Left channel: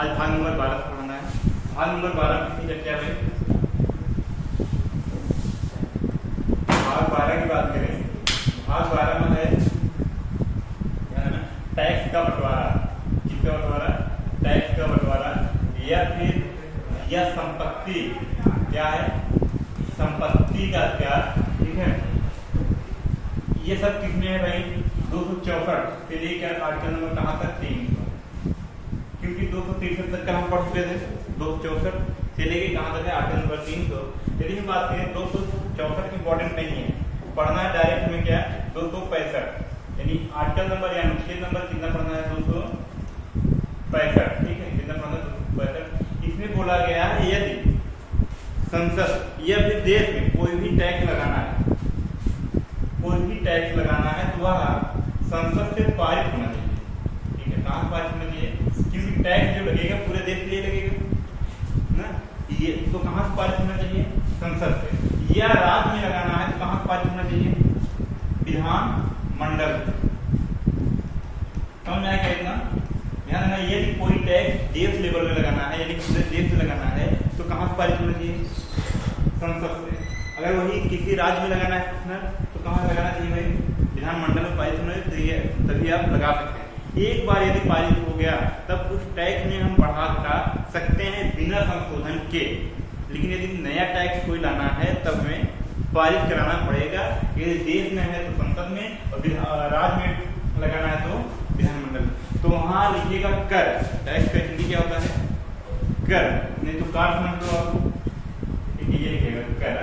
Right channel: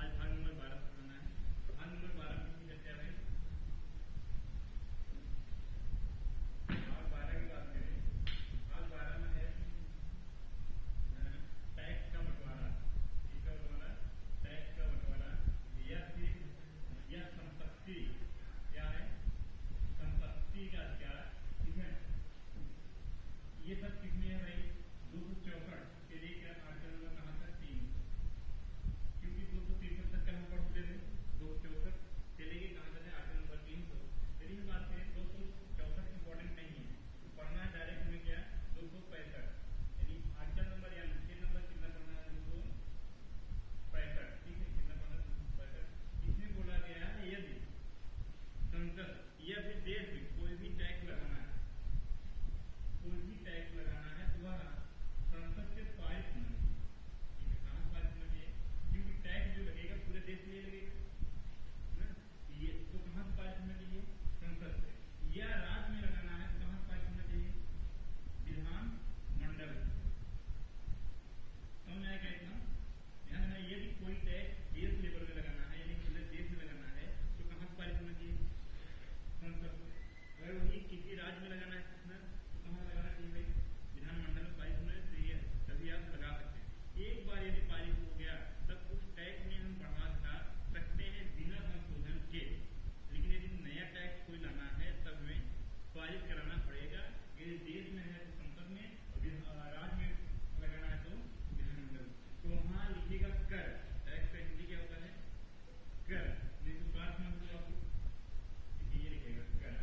आज भाग नंबर 12 पढ़ाना है। भाग नंबर 12 में कितनी क्या है? भाग 12 की बात करें, भाग 12 में है ना टैक्स का बंटवारा। किसका बंटवारा? टैक्स का बंटवारा, या फिर या संपत्ति। क्या है? संपत्ति का क्या? ठीक है, ये सब किसमें है भाई? 264 से लेकर आर्टिकल नंबर कहाँ तक? 300, क्योंकि 263 तक का हम पढ़ चुके थे। 264 से लेकर कहाँ तक है? Article number 300। यदि हम बात करें 264 इंपॉर्टेंट नहीं है, पढ़ना है डायरेक्ट में क्या? 265, यानी आर्टिकल नंबर या अनुच्छेद नंबर कितना पढ़ना है? 265। ठीक है, कितना पढ़ना है? 265। इसमें बोला गया है यदि संसद या फिर देश में कोई भी टैक्स लगाना है, कोई भी टैक्स लगाना है तो वह संसद से पारित होना चाहिए। ठीक है, कहाँ पारित होना चाहिए? क्योंकि टैक्स जो लगेगा पूरे देश के लिए लगेगा ना, ये तो कहाँ से पारित होना चाहिए? संसद से। या राज्य में लगाना है तो कहाँ से पारित होना चाहिए? विधानमंडल। समझ में आया इतना? ध्यान देना, यदि कोई टैक्स देश लेवल में लगाना है, यदि पूरे देश में लगाना है तो कहाँ से पारित होना चाहिए? संसद से। अगर वही किसी राज्य में लगाना है तो कहाँ लगाना चाहिए भाई? विधानमंडल में पारित होना चाहिए, तभी आप लगा सकते हैं। एक बार यदि पारित हो गया तब उस टैक्स में हम बढ़ा सकते हैं बिना संशोधन के। लेकिन यदि नया टैक्स कोई लाना है तब हमें पारित कराना पड़ेगा। यदि देश में है तो संसद में, और राज्य में लगाना है तो विधानमंडल। तो वहाँ लिखिएगा कर। टैक्स का हिंदी क्या होता है? कर, नहीं तो कार समझ लो आप। ये लिखिएगा कर।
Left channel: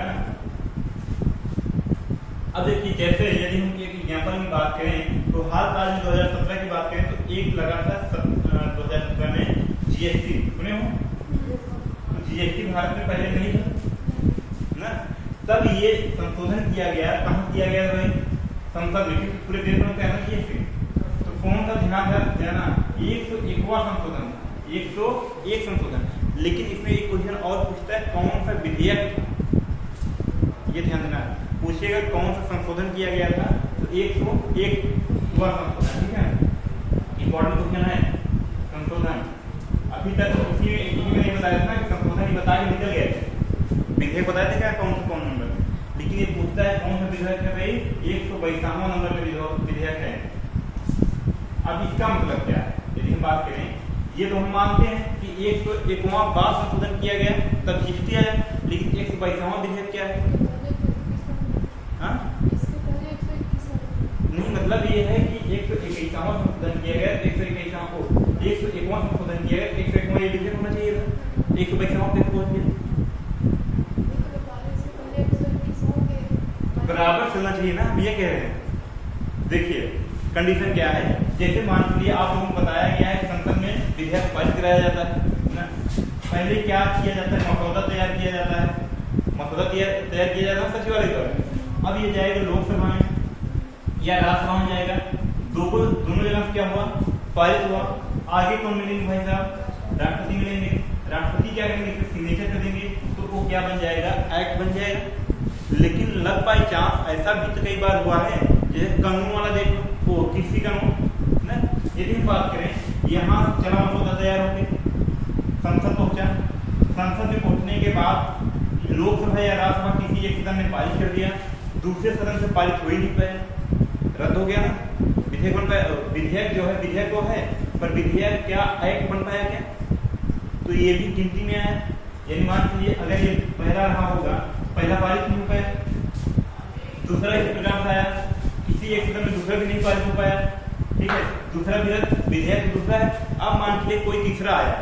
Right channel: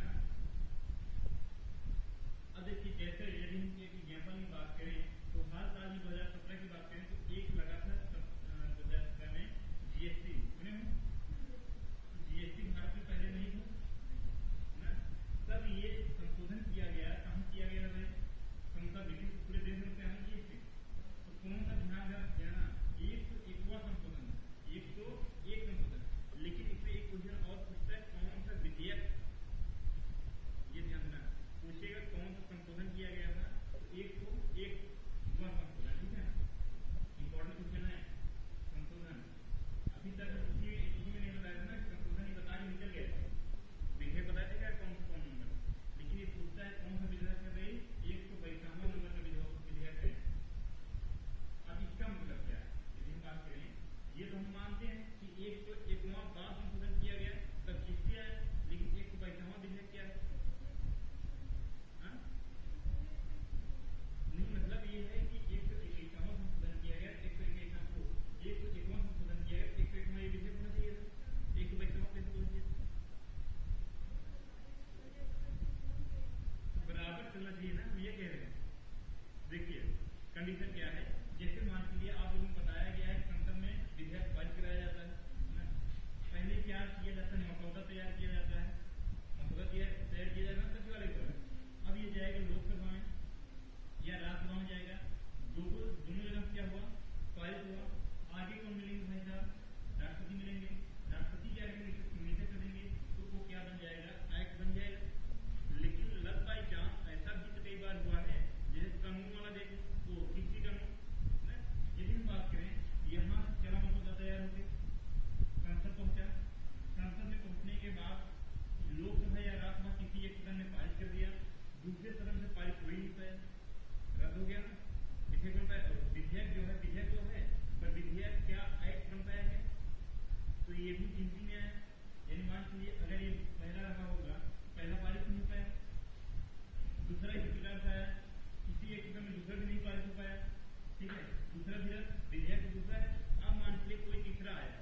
अब देखिए, जैसे यदि हम एक एग्जाम्पल की बात करें तो हाल फिलहाल में 2017 की बात करें तो एक लगा था 2017 में जीएसटी। सुने हो? तो जीएसटी भारत में पहले नहीं था ना, तब ये संशोधन किया गया। कहाँ किया गया भाई? संसद में, क्योंकि पूरे देश में क्या है जीएसटी। तो कौन सा ध्यान देना? 101वां संशोधन, 101 संशोधन। लेकिन इसमें एक क्वेश्चन और पूछता है, कौन सा विधेयक? ये ध्यान देना, पूछेगा कौन सा संशोधन किया गया था? तो 101वां संशोधन। ठीक है, इंपॉर्टेंट क्वेश्चन है संशोधन। अभी तक किसी में नहीं बताया था कि संशोधन ही बता के निकल गए थे। विधेयक बताया था क्या कौन नंबर, लेकिन ये पूछता है कौन सा विधेयक है भाई? 152वां नंबर का विधेयक है। अब इसका मतलब क्या है? यदि हम बात करें, ये तो हम मानते हैं कि 101वां बार संशोधन किया गया तब जीएसटी आया, लेकिन 152वां विधेयक क्या है? हाँ? नहीं, मतलब ये है कि 121वां संशोधन किया गया, 121वां को 101वां संशोधन किया गया, 101वां ये विधेयक होना चाहिए था, 122वां पे पहुंच गया। बराबर चलना चाहिए ना, हम ये कह रहे हैं। देखिए कंडीशन क्या है, जैसे मान लीजिए आप लोगों को बताया गया है संसद में विधेयक पारित कराया जाता है ना। पहले क्या किया जाता है? मसौदा तैयार किया जाता है, मसौदा तैयार किया जाता है सचिवालय द्वारा। अब ये जाएगा लोकसभा में या राज्यसभा में जाएगा, दोनों जगह से क्या हुआ? पारित हुआ। आगे कौन मिलेंगे भाई साहब? राष्ट्रपति मिलेंगे। राष्ट्रपति क्या करेंगे? सिग्नेचर कर देंगे तो वो क्या बन जाएगा? एक्ट बन जाएगा। लेकिन लग बाई चांस ऐसा भी तो कई बार हुआ है, जैसे कानून वाला देख लो, वो किसी कानून ना, यदि हम बात करें यहाँ चला मसौदा तैयार होकर संसद पहुंचा, संसद में पहुंचने के बाद लोकसभा या राज्यसभा किसी एक सदन ने पारित कर दिया, दूसरे सदन से पारित हो ही नहीं पाया, रद्द हो गया ना। विधेयक बन पाया, विधेयक जो है विधेयक तो है, पर विधेयक क्या एक्ट बन पाया क्या? तो ये भी गिनती में आया। यानी मान लीजिए अगर ये पहला रहा होगा, पहला पारित नहीं हो पाया, दूसरा इस प्रकार से आया, किसी एक सदन में दूसरा भी नहीं पारित हो पाया। ठीक है, दूसरा विधेयक दूसरा है। अब मान लीजिए कोई तीसरा आया,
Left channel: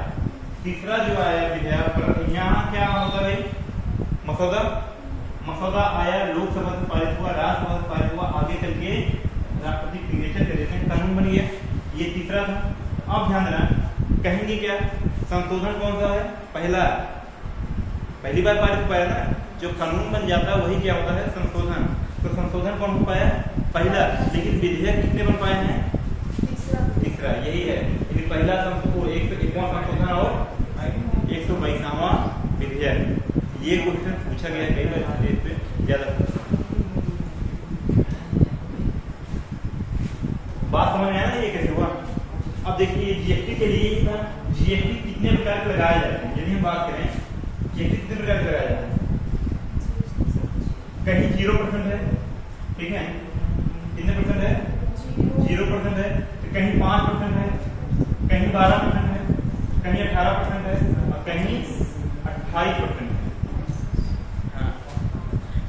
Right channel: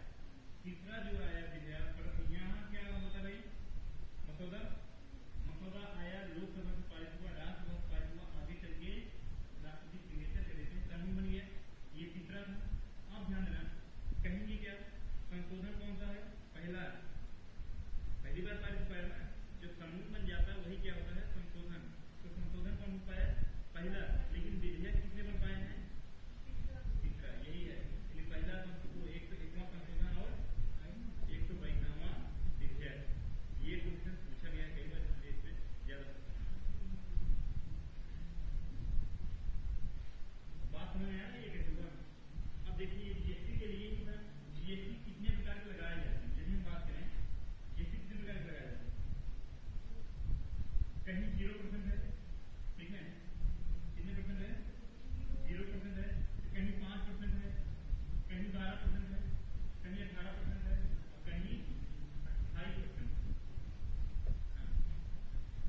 तीसरा जो आया विधेयक पर यहाँ क्या होता है? मसौदा आया, लोकसभा से पारित हुआ, राज्यसभा से पारित हुआ, आगे चल के राष्ट्रपति सिग्नेचर कर देते हैं, कानून बन गया। ये तीसरा था। अब ध्यान देना, कहेंगे क्या? संशोधन कौन सा है? पहली बार पारित हो पाया ना, जो कानून बन जाता है वही क्या होता है? संशोधन। तो संशोधन कौन हो पाया? पहला। लेकिन विधेयक कितने बन पाए हैं? तीसरा। यही है, लेकिन पहला 101वां संशोधन और 122वां विधेयक। ये क्वेश्चन पूछा गया कई बार देश पे ज्यादा। बात समझ में आया ना ये कैसे हुआ? अब देखिए जीएसटी के लिए ही था, जीएसटी कितने प्रकार के लगाए जाते हैं, यदि हम बात करें जीएसटी कितने प्रकार के लगाया जाता है, कहीं 0% है, ठीक है, कितने परसेंट है, 0% है, तो कहीं 5% है, कहीं 12% है, कहीं 18% है और कहीं 28% है। हाँ,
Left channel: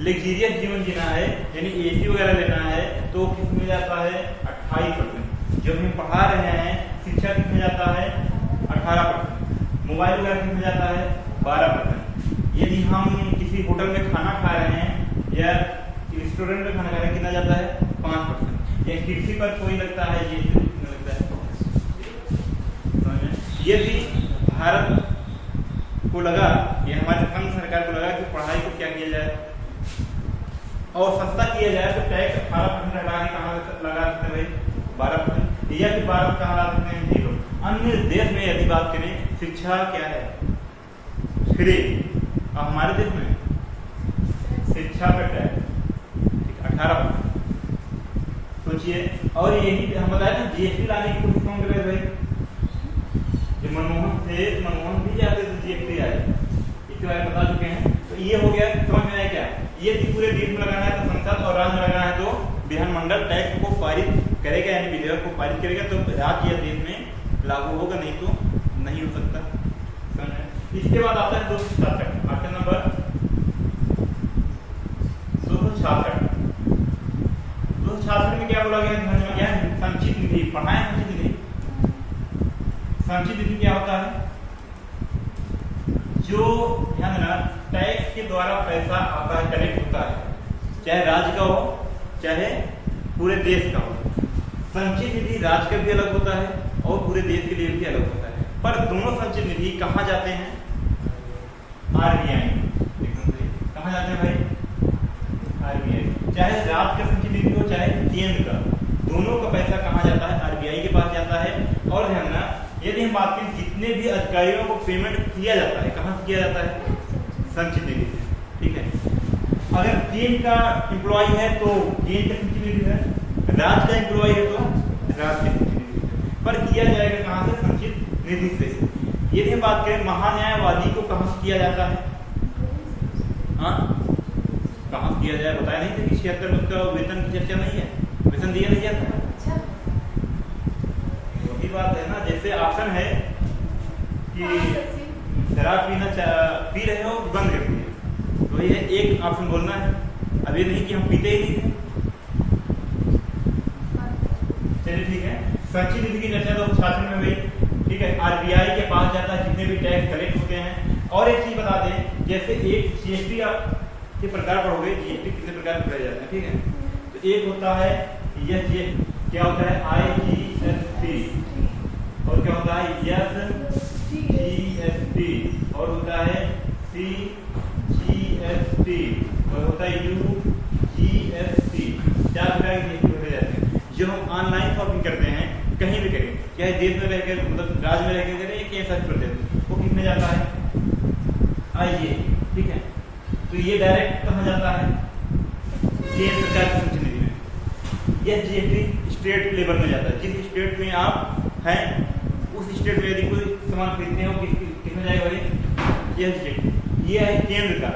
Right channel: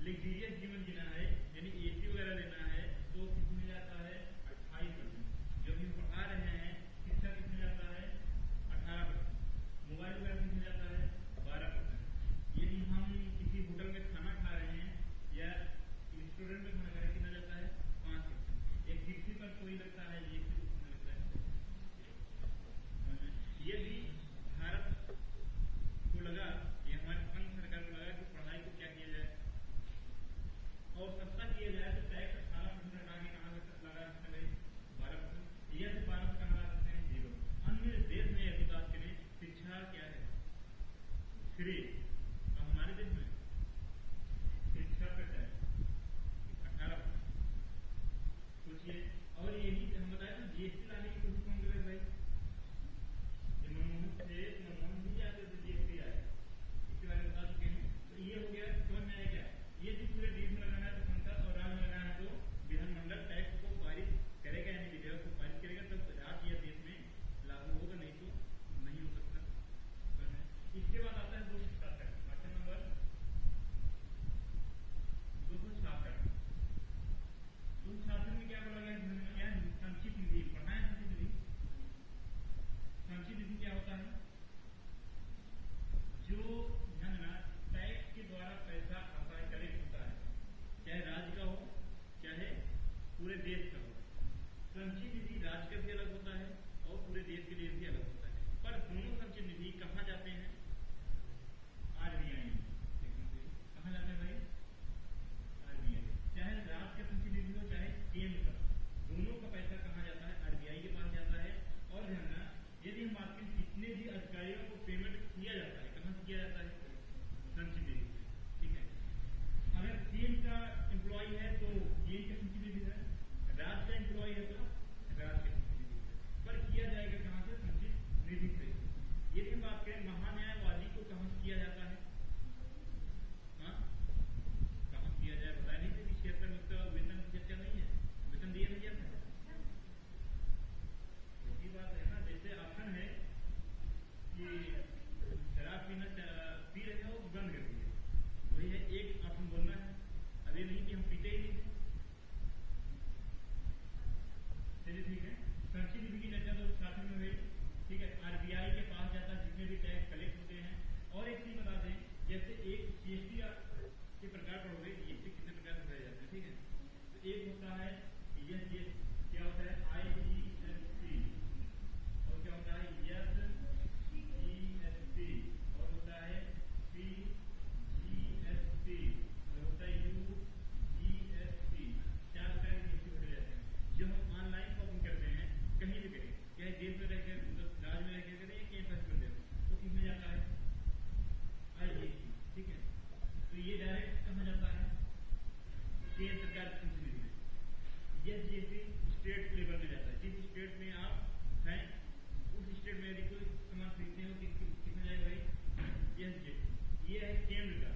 लग्जरियस जीवन जीना है यानी एसी वगैरह लेना है तो किस में जाता है 28%। जो हम पढ़ा रहे हैं शिक्षा किस में जाता है 18%। मोबाइल वगैरह किस में जाता है 12%। यदि हम किसी होटल में खाना खा रहे हैं या रेस्टोरेंट में खाना खा रहे हैं कितना जाता है 5%। या कृषि पर कोई लगता है ये कितना लगता है। ये भी भारत को लगा, ये हमारे संघ सरकार को लगा कि पढ़ाई को क्या किया जाए और सस्ता किया जाए तो टैक्स 18% हटा के कहाँ लगा सकते हैं भाई 12%, या फिर 12 कहाँ ला सकते हैं 0। अन्य देश में यदि बात करें शिक्षा क्या है फ्री, और हमारे देश में शिक्षा पे टैक्स 18%। सोचिए, और यही हम बताए ना जीएसटी लाने की कोशिश कौन कर रहे भाई, जो मनमोहन भी चाहते थे जीएसटी आए, इसके बारे में बता चुके हैं। तो ये हो गया, समझ में आया क्या, ये पूरे देश में लगाना है तो संसद और राज्य में लगाना है तो विधानमंडल टैक्स को पारित करेगा यानी विधेयक को पारित करेगा तो राज्य या देश में लागू होगा, नहीं तो नहीं हो सकता। इसके बाद आता है 266 आर्टिकल नंबर 266। 266 में क्या बोला गया समझ में क्या है, संचित निधि पढ़ाए। संचित निधि, संचित निधि क्या होता है, जो ध्यान देना टैक्स के द्वारा पैसा आता है, कलेक्ट होता है, चाहे राज्य का हो चाहे पूरे देश का हो। संचित निधि राज्य का भी अलग होता है और पूरे देश के लिए भी अलग होता है, पर दोनों संचित निधि कहाँ जाते हैं आरबीआई। कहाँ जाते हैं भाई आरबीआई, चाहे राज्य का संचित निधि हो चाहे केंद्र का, दोनों का पैसा कहाँ जाता है आरबीआई के पास जाता है। और ध्यान देना यदि हम बात करें जितने भी अधिकारियों को पेमेंट किया जाता है कहाँ से किया जाता है संचित निधि से, ठीक है। अगर केंद्र का एम्प्लॉय है तो केंद्र का संचित निधि है, राज्य का एम्प्लॉय है तो राज्य के संचित निधि से, पर किया जाएगा कहाँ से संचित निधि से। यदि हम बात करें महान्यायवादी को कहाँ से किया जाता है, हाँ कहाँ से किया जाए बताया नहीं था कि 76 में उसका वेतन की चर्चा नहीं है, वेतन दिया नहीं जाता। वही बात है ना, जैसे ऑप्शन है कि शराब पी रहे हो बंद कर दिए, तो ये एक ऑप्शन बोलना है, अब ये नहीं कि हम पीते ही नहीं थे। चलिए ठीक है, संचित निधि की चर्चा तो शासन में हुई, ठीक है। आरबीआई के पास जाता है जितने भी टैक्स कलेक्ट होते हैं। और एक चीज बता दें, जैसे एक जीएसटी के प्रकार पर हो गए, जीएसटी कितने प्रकार के जाते हैं, ठीक है। तो एक होता है ये क्या होता है आईजीएसटी, और क्या होता है एसजीएसटी, और होता है सीजीएसटी, और होता है यूजीएसटी। 4 प्रकार के जीएसटी होते जाते हैं जो हम ऑनलाइन शॉपिंग करते हैं कहीं भी करें, चाहे देश में रहकर मतलब राज्य में रहकर करें या सर्च करते हैं, वो कितने जाता है आईजीएसटी, ठीक है। तो ये डायरेक्ट कहाँ जाता है केंद्र सरकार की संचित निधि में। यह जीएसटी स्टेट लेवल में जाता है, जिस स्टेट में आप हैं उस स्टेट में यदि कोई सामान खरीदते हो किसमें जाएगा भाई यह जीएसटी। ये है केंद्र का,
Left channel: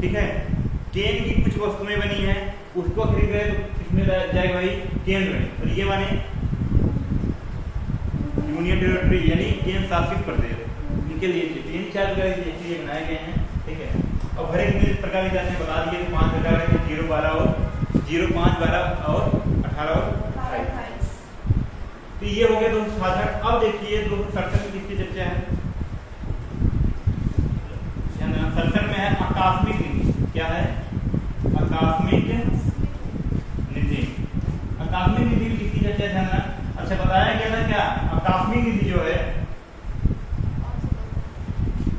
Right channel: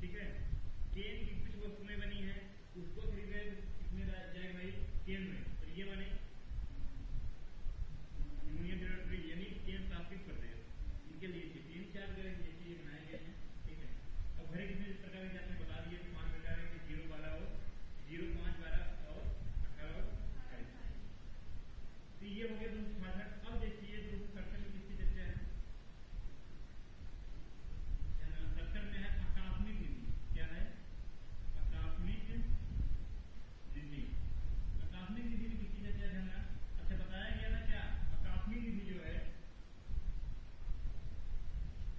ठीक है। केंद्र की कुछ वस्तुएं बनी है उसको खरीद रहे तो किसमें जाएगा भाई केंद्र में, और ये माने यूनियन टेरिटरी यानी केंद्र शासित प्रदेश, इनके लिए 3-4 प्रकार के जीएसटी बनाए गए हैं, ठीक है। और भरे कितने प्रकार के जाते हैं बता दिए, 5 प्रकार के 0, 12 और 0, 5, 12 और 18 और 28। तो ये हो गया 266। अब देखिए 267 में किसकी चर्चा है, 67 में है आकस्मिक निधि। क्या है आकस्मिक निधि, आकस्मिक निधि की किसकी चर्चा है। अच्छा बताया गया था क्या, आकस्मिक निधि जो है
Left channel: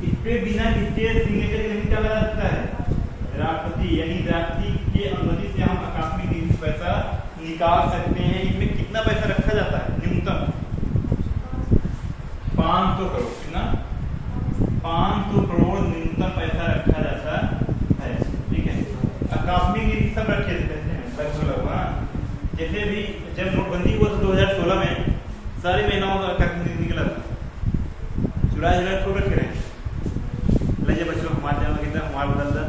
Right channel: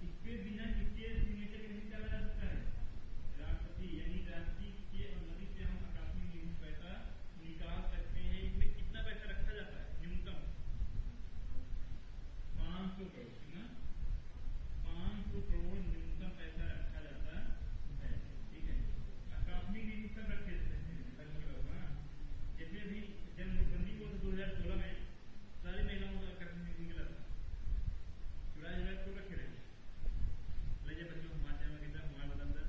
इस पे बिना किसके सिग्नेचर के नहीं चला जा सकता है, राष्ट्रपति यानी राष्ट्रपति के अनुमति से हम आकस्मिक निधि से पैसा निकाल सकते हैं। इसमें कितना पैसा रखा जाता है, न्यूनतम 500 करोड़, कितना 500 करोड़ न्यूनतम पैसा रखा जाता है, ठीक है। आकस्मिक निधि सब रखे जाते हैं लगभग, जैसे भी जब नोटबंदी हुआ तो 2016 में सारी महिलाओं का आकस्मिक निधि निकला था, चुरा चुरा खूब रखे रहे। ले बच्चों हमारे जमा कितना हमारा बदल दा।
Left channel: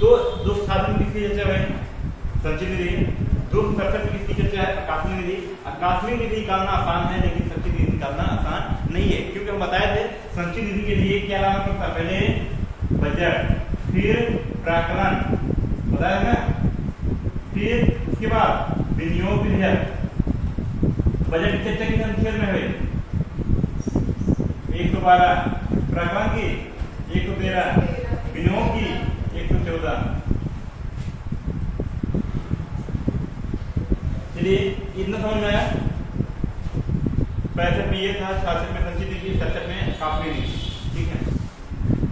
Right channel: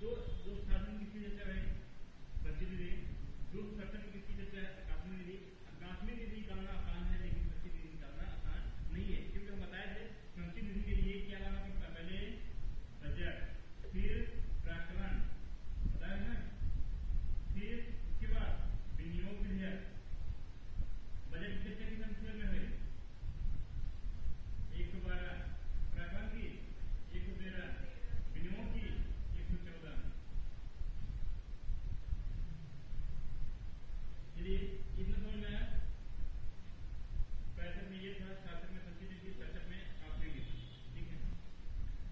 तो दोस्त साधन किसकी चर्चा है? संचित निधि। दोस्त सरसठ किसकी चर्चा है? आकस्मिक निधि। आकस्मिक निधि निकालना आसान है लेकिन संचित निधि निकालना आसान नहीं है, क्योंकि हम बताए थे संचित निधि के लिए क्या लाना पड़ता है? पहले बजट, फिर प्राकलन, बताया ना, फिर उसके बाद विनियोग विधेयक। बजट की चर्चा किस अनुच्छेद में है? 112, प्राकलन की 113, विनियोग की 114। चलिए इतना समझ में आया। 65 में ये था, 66 में संचित निधि, 67 में आकस्मिक निधि। ठीक है,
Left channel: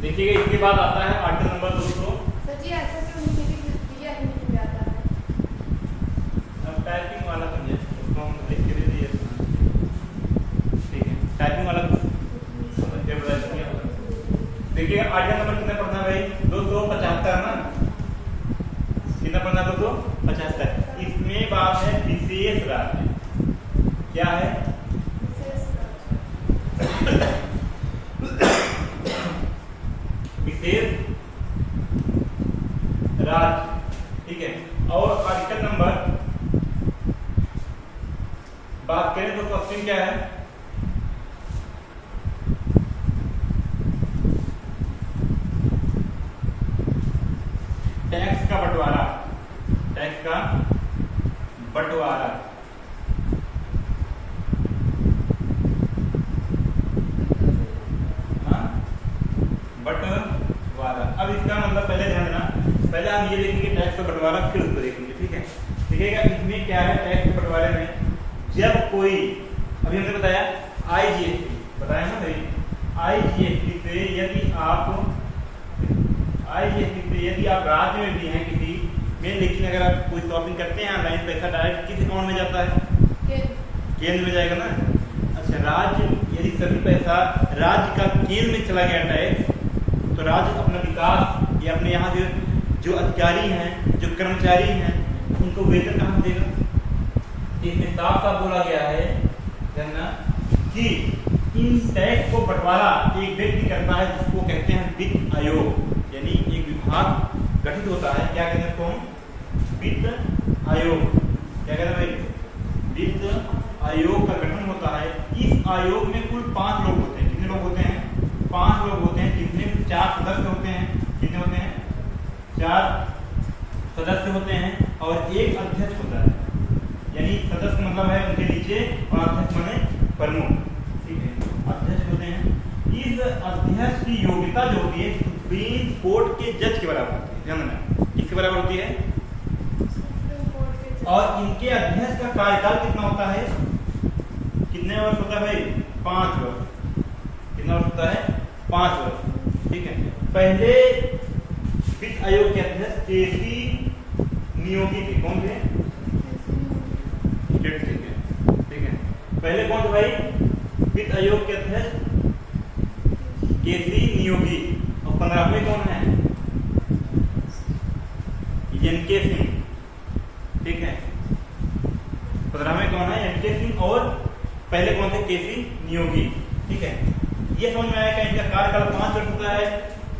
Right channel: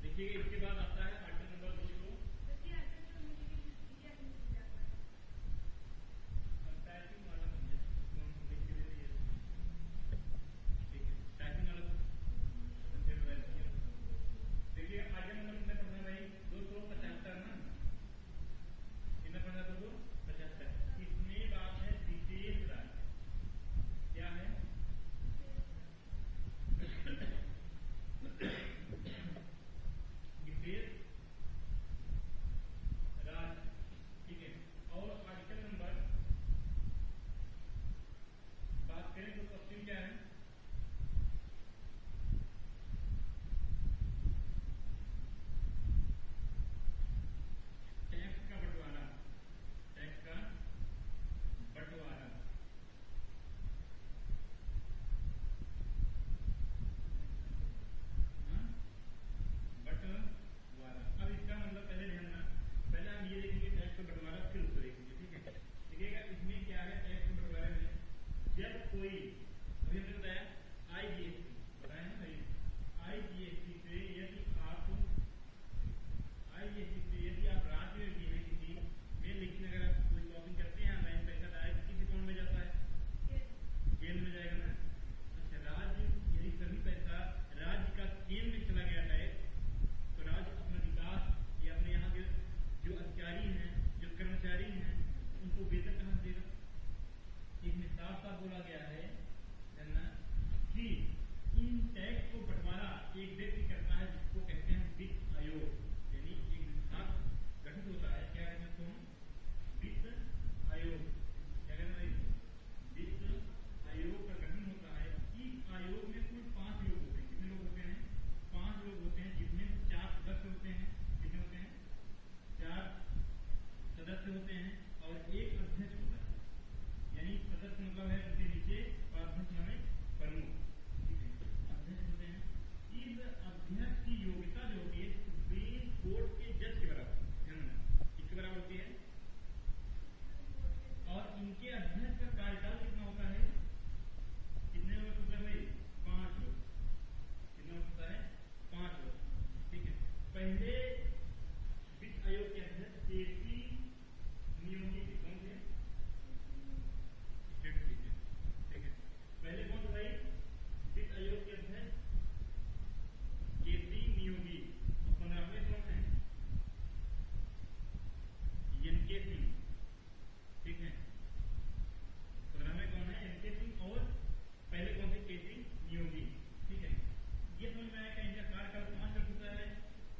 देखिएगा इसके बाद आता है आर्टिकल नंबर 200। अब टाइपिंग वाला समझे, उसको हम लिख के दे दिए। ठीक है, टाइपिंग वाला देखिएगा आर्टिकल नंबर कितना पढ़ना है भाई? 275 ना, कितना पढ़ना? 275। इसमें बात है विशेष राज्य। क्या है? विशेष राज्य। ठीक है, और आर्टिकल नंबर बात करें तो क्वेश्चन क्या है? टैक्स का बंटवारा। टैक्स का बंटवारा। बंटवारा। अब इसका मतलब पहले ध्यान देना, पहले हम ये देखेंगे टैक्स का बंटवारा, फिर उसको देखेंगे। ठीक है, देखिएगा इसमें क्या है टैक्स के बंटवारे में, जब कोई, अभी हमने बताया आईजीएसटी, बताया ना भाई, आईजीएसटी से यदि आप राज्य में भी हैं किसी में, लेकिन अगर आप कोई शॉपिंग करते हैं ऑनलाइन, पैसा डायरेक्ट किस अकाउंट में जाता है? केंद्र में जाएगा ना। अच्छा, राज्य यदि सभी पैसा राज्य का केंद्र में चला गया टैक्स, तो राज्य अपना विकास या अपने यहाँ के जो अधिकारी हैं, जो कर्मचारी हैं, उनको वेतन कहाँ देगा? इसमें साफ साफ बोला गया है जानना कि इन टैक्स को बंटवारा एक व्यक्ति करता है, जिसको कहते हैं वित्त आयोग। यानी एक विभाग गठित होता है, क्या कहते हैं उसको? वित्त आयोग। क्या कहते हैं भाई? वित्त आयोग का गठन होता है। इस आयोग में कुल 5 लोग होते हैं। कितने लोग होते हैं? 5 लोग होते हैं, जिसमें 4 सदस्य होते हैं। कितने होते हैं? 4 सदस्य होते हैं और एक अध्यक्ष होता है। यानी सदस्य मतलब है उनके नीचे, और अध्यक्ष माने प्रमुख। ठीक है, अध्यक्ष होते हैं। इस अध्यक्ष की योग्यता जो होती है सुप्रीम कोर्ट के जज के बराबर होती है। ध्यान देना, किसके बराबर होती है? और इनके अध्यक्ष का कार्यकाल कितना होता है? कितने वर्ष होता है भाई? 5 वर्ष। कितना वर्ष होता है? 5 वर्ष। ठीक है, पहले वित्त आयोग के अध्यक्ष केसी नियोगी थे। कौन थे? ठीक है, पहले कौन थे भाई? वित्त आयोग के अध्यक्ष केसी नियोगी। और 15वें कौन है? एनके सिंह। ठीक है, 15वें कौन है? एनके सिंह। और पहले कौन थे? केसी नियोगी। ठीक है, ये समझ में आया कि इनका कार्यकाल 5 वर्ष होता है।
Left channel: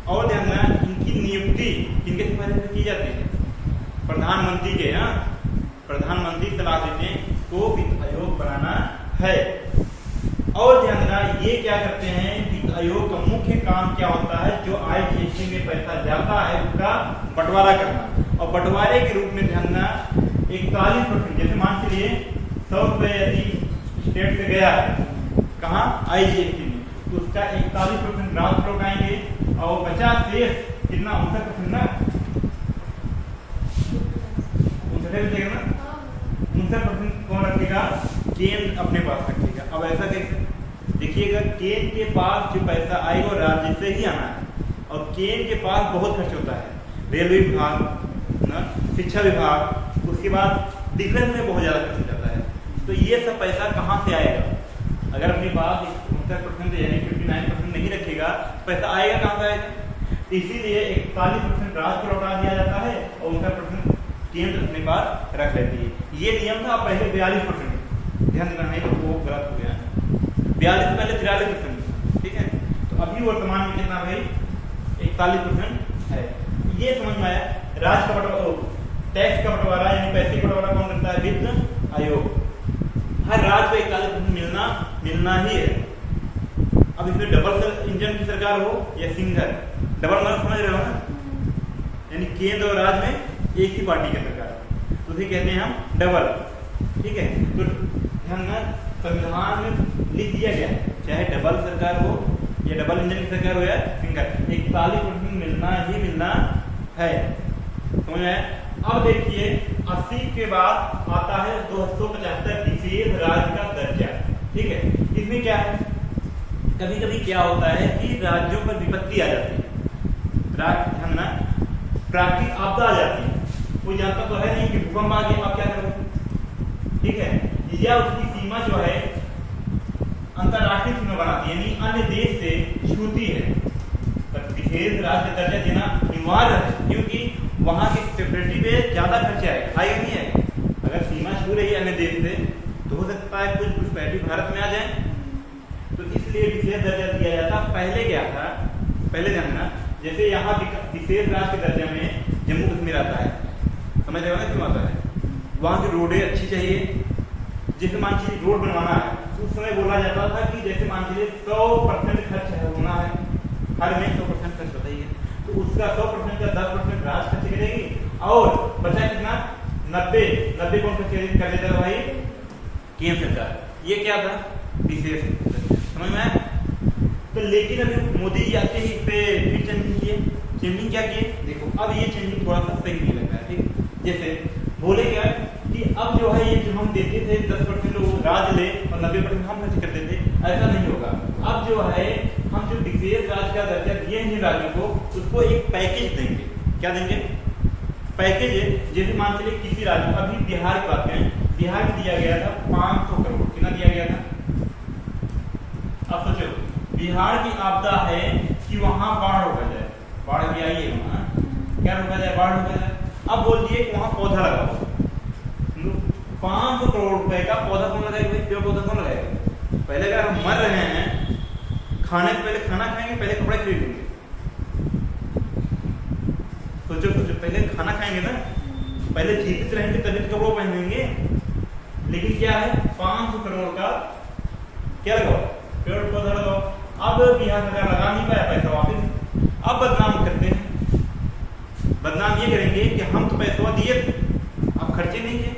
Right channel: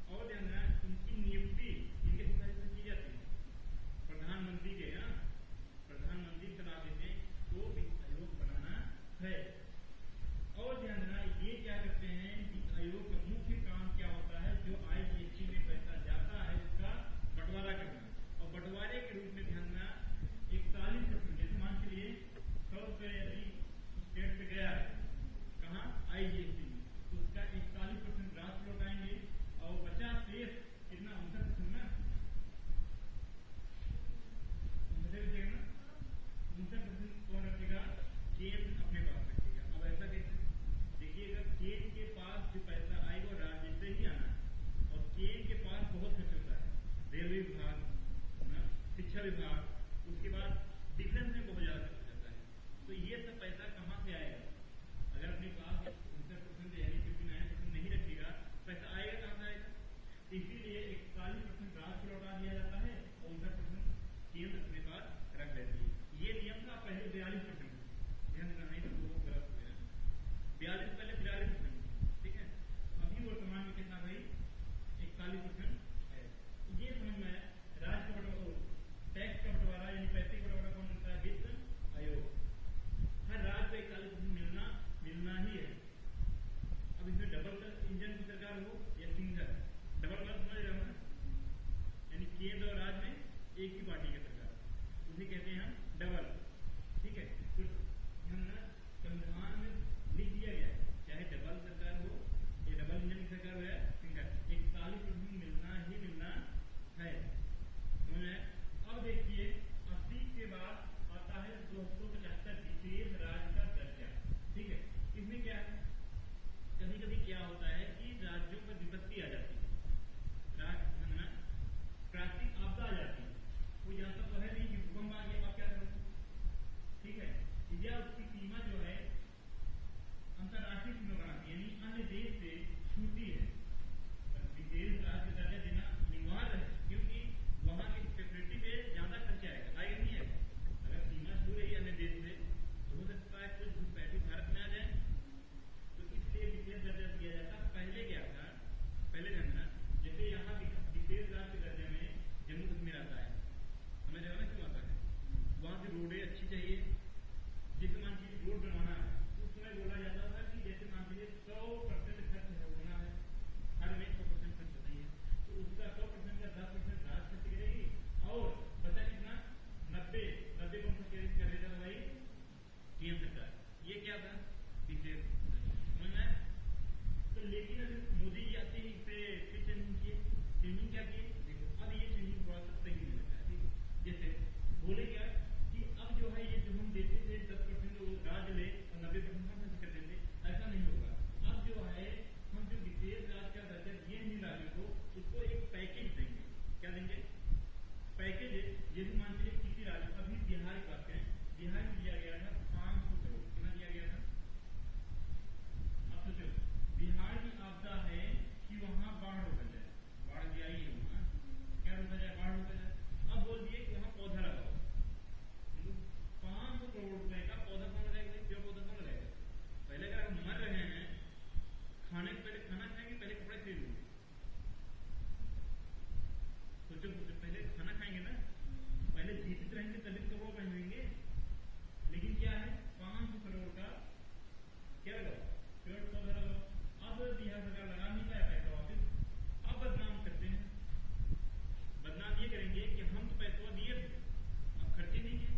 और ध्यान देना, इनकी नियुक्ति किनके सिफारिश से की जाती है? प्रधानमंत्री के। प्रधानमंत्री सलाह देते हैं को वित्त आयोग बनाना है। और ध्यान देना, ये क्या करते हैं? वित्त आयोग का मुख्य काम क्या होता है? जो आईजीएसटी में पैसा जाता है उसका बंटवारा करना। और बंटवारे के रूप में ध्यान देना 41%, जैसे मान के लिए 100 रुपये यदि स्टेट से गया है कहाँ? आईजीएसटी में, तो उसका 41% ग्रास फ्लोट आएंगे, और 50 शेष कितना? 59% ना, 59 ना, 59% कौन रखेगा? केंद्र अपने पास रखेगा। अब ऐसा कैसे? देखिएगा, केंद्र के पास जो पैसा आएगा वो राज्य से ही आना है, और केंद्र के पास बहुत खर्च होता है। रेलवे विभाग ना, शिक्षा विभाग, उसके बाद डिफेंस में बहुत ज़्यादा खर्च हो जाता है। तो ये सब पैसा कहाँ से आएगा? अगर अपने पास 59% यानी 59% नहीं रखेगा, पैसा आएगा कहाँ से आएगा? इसीलिए 41% राज्य को लौटा दिया जाता है और 59% केंद्र अपने पास रख लेती है। ये नियम था पहले 42%, ध्यान देना है, तो वो गलत हो गया। 42 पहले 43%, ठीक है। तो अभी वर्तमान में कितना भाई 41% है। ये समझ में आया। राज्य का बंटवारा, टैक्स का बंटवारा यानी पैसे का बंटवारा कौन करता है? वित्त आयोग। हर राज्य को 41% मिलना ही है। अब इसमें डबल इंजन की सरकार हो या सिंगल, डबल मतलब समझ रहे हो ना, यानी केंद्र और राज्य में एक ही पार्टी की सरकार, तो उसे कहते हैं हम डबल, ठीक है। तो ध्यान संविधान में लिख दिया गया चाहे डबल सरकार हो या डबल इंजन की सरकार हो या सिंगल, 41% मिलना ही मिलना है। समझ में आया? अब देखिए 80 के बाद आता है 275 विशेष राज्य का दर्जा, ठीक है। इसमें क्या है, कभी कभी क्या होता है कि राज्यों पर विपत्ति आ जाती है, प्राकृतिक आपदा आ जाती है। कोई जानता तो है नहीं कि भूकंप आ गया, आप क्या करोगे, ठीक है। या उसकी सीमा जो है अंतरराष्ट्रीय सीमा बनाती है, यानी अन्य देश से छूती है, पर विशेष राज्य का दर्जा देना अनिवार्य है, क्योंकि वहां की सिक्योरिटी पे ज्यादा खर्चा आएगा, आएगा नहीं आएगा। अगर सीमा छू रही है अन्य देश से तो हो सकता है कुछ घुसपैठी भारत में आ जाए, तो इसलिए विशेष दर्जा दिया जाता। पहले क्या था, पहले जानना, जैसे यहाँ विशेष राज्य के दर्जा में जम्मू कश्मीर आता है, समझ रहे हो ना क्यों आता है? वहाँ की रोडें अच्छी चाहिए। जैसे मान लीजिए रोड बनवाना है, उस समय बोला जाता था कि जैसे मान लीजिए 100% खर्च होना है, हर में 100% खर्च होता ही है, तो उसका 100% का 10% राज्य खर्च करेगी और बचा कितना 90 कौन खर्च कर देता था भाई? केंद्र सरकार। ये क्या था? विशेष। समझ में आया? तो लेकिन अभी मोदी जी आते ही इस पे फिर चेंजिंग किए। चेंजिंग क्या किए? देखो अब ये चेंजिंग थोड़ा सा सही नहीं लग रहा है, ठीक। जैसे बोले क्या कि अब जो है ये जो हम देते थे 10% लोग राज्य ले और 90% हम खर्च करते थे, ऐसा नहीं होगा। अब जो है हम जो विशेष राज्य का दर्जा दिए हैं राज्यों को, उसको एक पैकेज देंगे। क्या देंगे? पैकेज है। जैसे मान चलिए किसी राज्य, अभी बिहार की बात करें, बिहार में दिया गया था 500 करोड़। कितना दिया गया था? अब सोचो बिहार की आपदा है कि वहां बाढ़ रोका जाए, बाढ़ भी आई है वहां, क्या रोका जाए? बाढ़ रोका जाए। अब बोल दिए कि वहां पौधा लगाओ, 500 करोड़ रुपए का पौधा कौन लगाएगा भाई? पेड़ पौधा कौन लगाएगा? पहले अगर हम मर रहे हैं, खाने से पहले खाना खाएंगे, पहले कपड़े खरीदेंगे। सोचो पहले खाना खाएंगे ना, पहले जीवित रहेंगे तभी तो कपड़ों पहनेंगे। लेकिन क्या है, 500 करोड़ का क्या लगाओ? पेड़ पौधा लगाओ। अब बिहार सरकार लगा नहीं पाया पैसा वापिस, अब बदनाम करते हैं। बदनाम ये करेंगे कि हम तो पैसा दिए थे, आप खर्चे नहीं किए।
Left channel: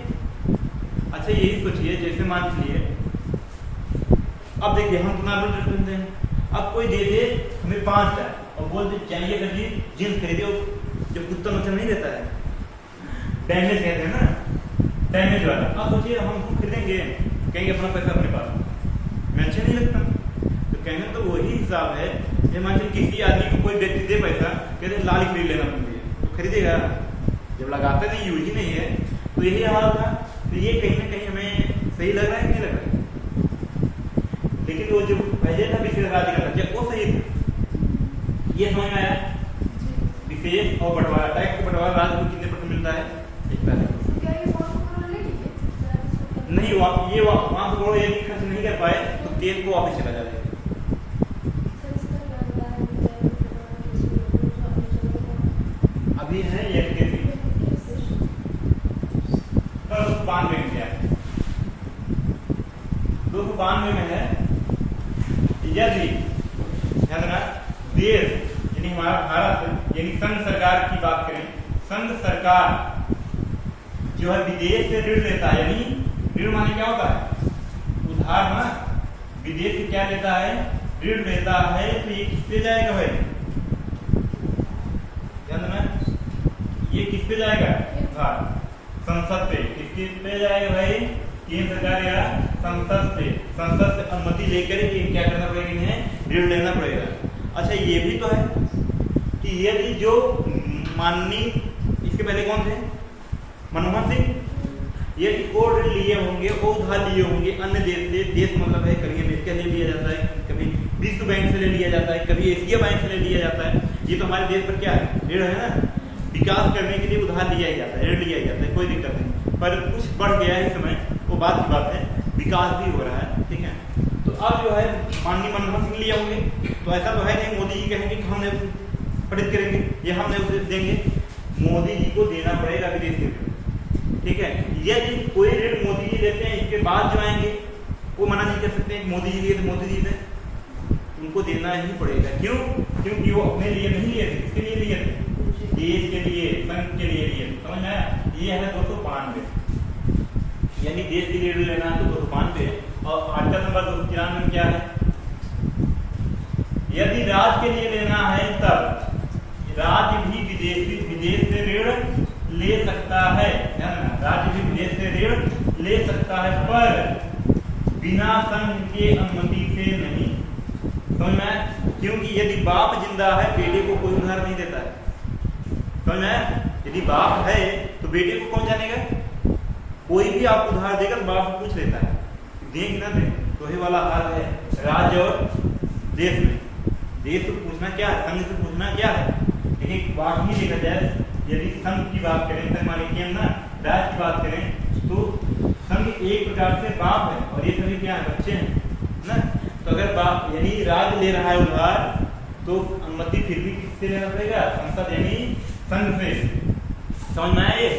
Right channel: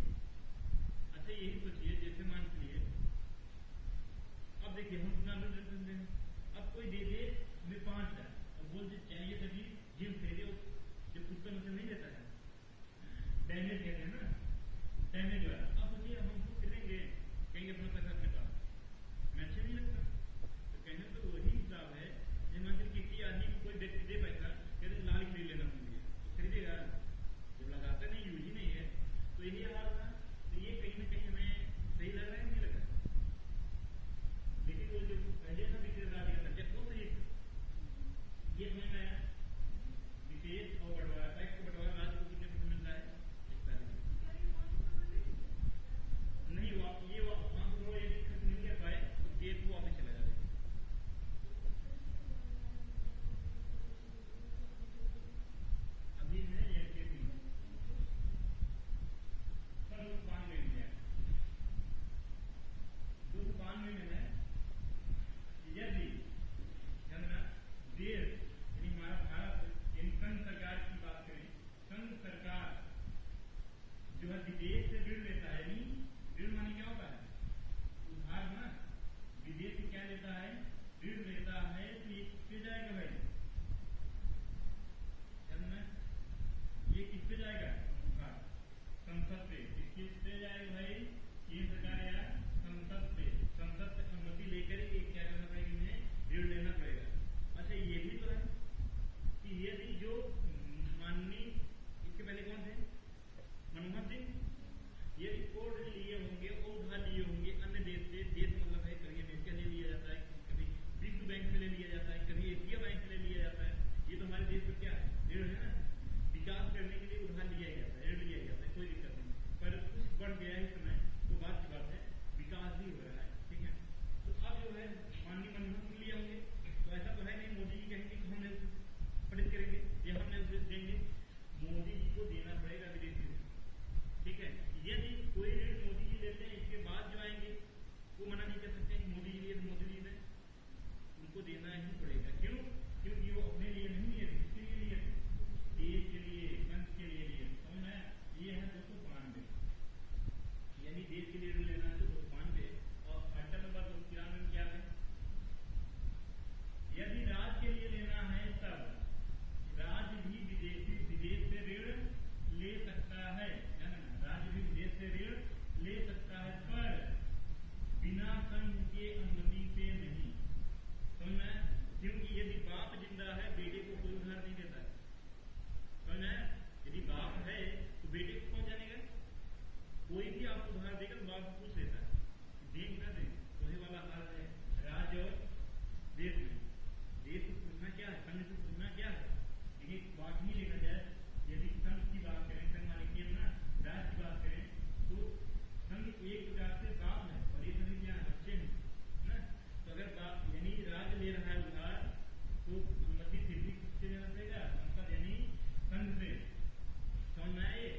अच्छा यही सोचिए, जैसे मान लीजिए अब देखिए हम कितना देते हैं, अब कोई दे दे हमें 5,000 और बोल दे चाहिए कर जी जींस खरीदो, जब कुत्ता नुकसान नहीं देता है, डैमेज कहते हैं ना, डैमेज वाला। अब सोचिए हम खरीदेंगे, कहेंगे अपना पैसा अपने पास, मैं अच्छा नहीं लगता। तो कहने तो वही हिसाब है, ये मान लीजिए किसी आदमी को कोई व्यक्ति दे पैसा, कहते लाल खरीद लेना तुम, तो खरीदेगा, जब लगाते नहीं, यूज ही नहीं है, तो यही हाल था। तो ये कहीं ना कहीं हमें सही लग रहा है, नहीं लग रहा है? लेकिन वो जो पहले था विशेष राज्य का दर्जा, वो सही था। ये समझ में आया? विशेष और बंटवारा, टैक्स का बंटवारा राज्य को कितने % मिलता है? 41%। नहीं, ये 500 करोड़ यदि खर्च नहीं कर पाए तो केंद्र को वापस चला जाएगा। अभी है ये 292 में क्या है? 292 में है, यदि ध्यान देना देश यानी हमारा भारत यानी संघ सरकार की बात करें, संघ सरकार जो है विदेश से ऋण लेता है, यानी ऋण माने क्या होता है? उधार ना, विदेश से क्या लेता है? ऋण लेता है। तो ये किस पे जाएगा भाई? ध्यान देना, ये किस पे जाएगा? उधार। संसद पे। किसके पे जाएगा भाई? केंद्र सरकार या संसद पे। संसद से अनुमति लेकर ये क्या करना पड़ेगा? इन्हें ऋण लेना पड़ेगा। अच्छा ये भी तो है कि यदि जो माननीय, इसके पहले कौन थे? मनमोहन सिंह, यदि वो ऋण लिए होंगे, वो उधार लिए होंगे अन्य देश से, देश मतलब है कभी अमेरिका ले लिया जाता है, कभी विश्व बैंक से ले लिया जाता है, कभी एशिया बैंक से ले लिया जाता है। ये तो हमारे देश पर क्या है? ऋण है ना, विकास करने के लिए उधार लिया ही जाता है, ऋण लिया ही जाता है, कोई दिक्कत नहीं। पर कुछ बढ़ गया है इस समय, वो बात की बात है, विकास भी हो रहा है, ठीक है। तो अब जो है माननीय मनमोहन सिंह लिए होंगे, तो ऐसा तो है नहीं मोदी जी कहेंगे कि हमने प्रेरित करेंगे, ये हमने उसे देंगे, मोदी जी को देना पड़ेगा विदेश के ऋण, ठीक है। यदि कोई ऋण मोदी जी देते हैं, इसके बाद जो आएंगे वो मना नहीं कर सकते हैं मोदी जी लिए तो मोदी जी से उनको देना ही पड़ेगा। क्यों? क्योंकि वो अपने लिए नहीं लिए थे, किसके लिए लिए थे? देश के लिए, संघ के लिए लिए। समझ में आया? ये है 292, यानी देश के लिए ऋण लेना है तो 292। और आर्टिकल नंबर 293 में क्या है? यदि राज्य के लिए लेना है तब राज्य भी विदेश से ऋण ले सकता है, राज्य भी विदेश से ऋण ले सकता है, पर बिना संघ के अनुमति से नहीं। समझ में? क्योंकि यदि बाप जिंदा है बेटे को कोई उधार नहीं देता है। समझ में? यदि बाप है तो बेटे को कौन जानेगा? कोई भी आप उधार देगा तो बाप को पूछ लेता है, दे कि ना दे। तो ये वाला हाल है राज्य और देश में। देश को पूछना क्या है, संघ से पूछना क्या है। लेकिन बात ही देखा जाए, यदि संघ की बात करें, संघ माने कि हम ना राज्य की बात करें तो संघ एक प्रकार से बाप है और ये सभी क्या है? बच्चे हैं ना। तो अगर बाप यानी राज्य ले रहा है उधार तो अनुमति फिर भी किससे लेना पड़ेगा? संसद यानी संघ से। समझ में आया ये?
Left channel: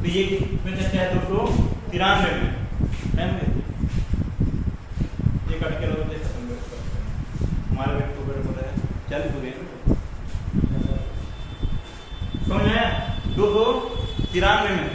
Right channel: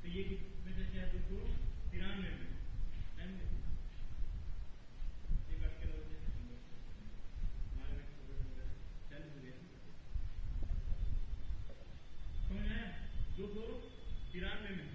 तो ये किसमें चर्चा है? 293 में ये कट के लोग हमारे व्यक्ति को पता है चल तो गए। समझ में आया? 293 में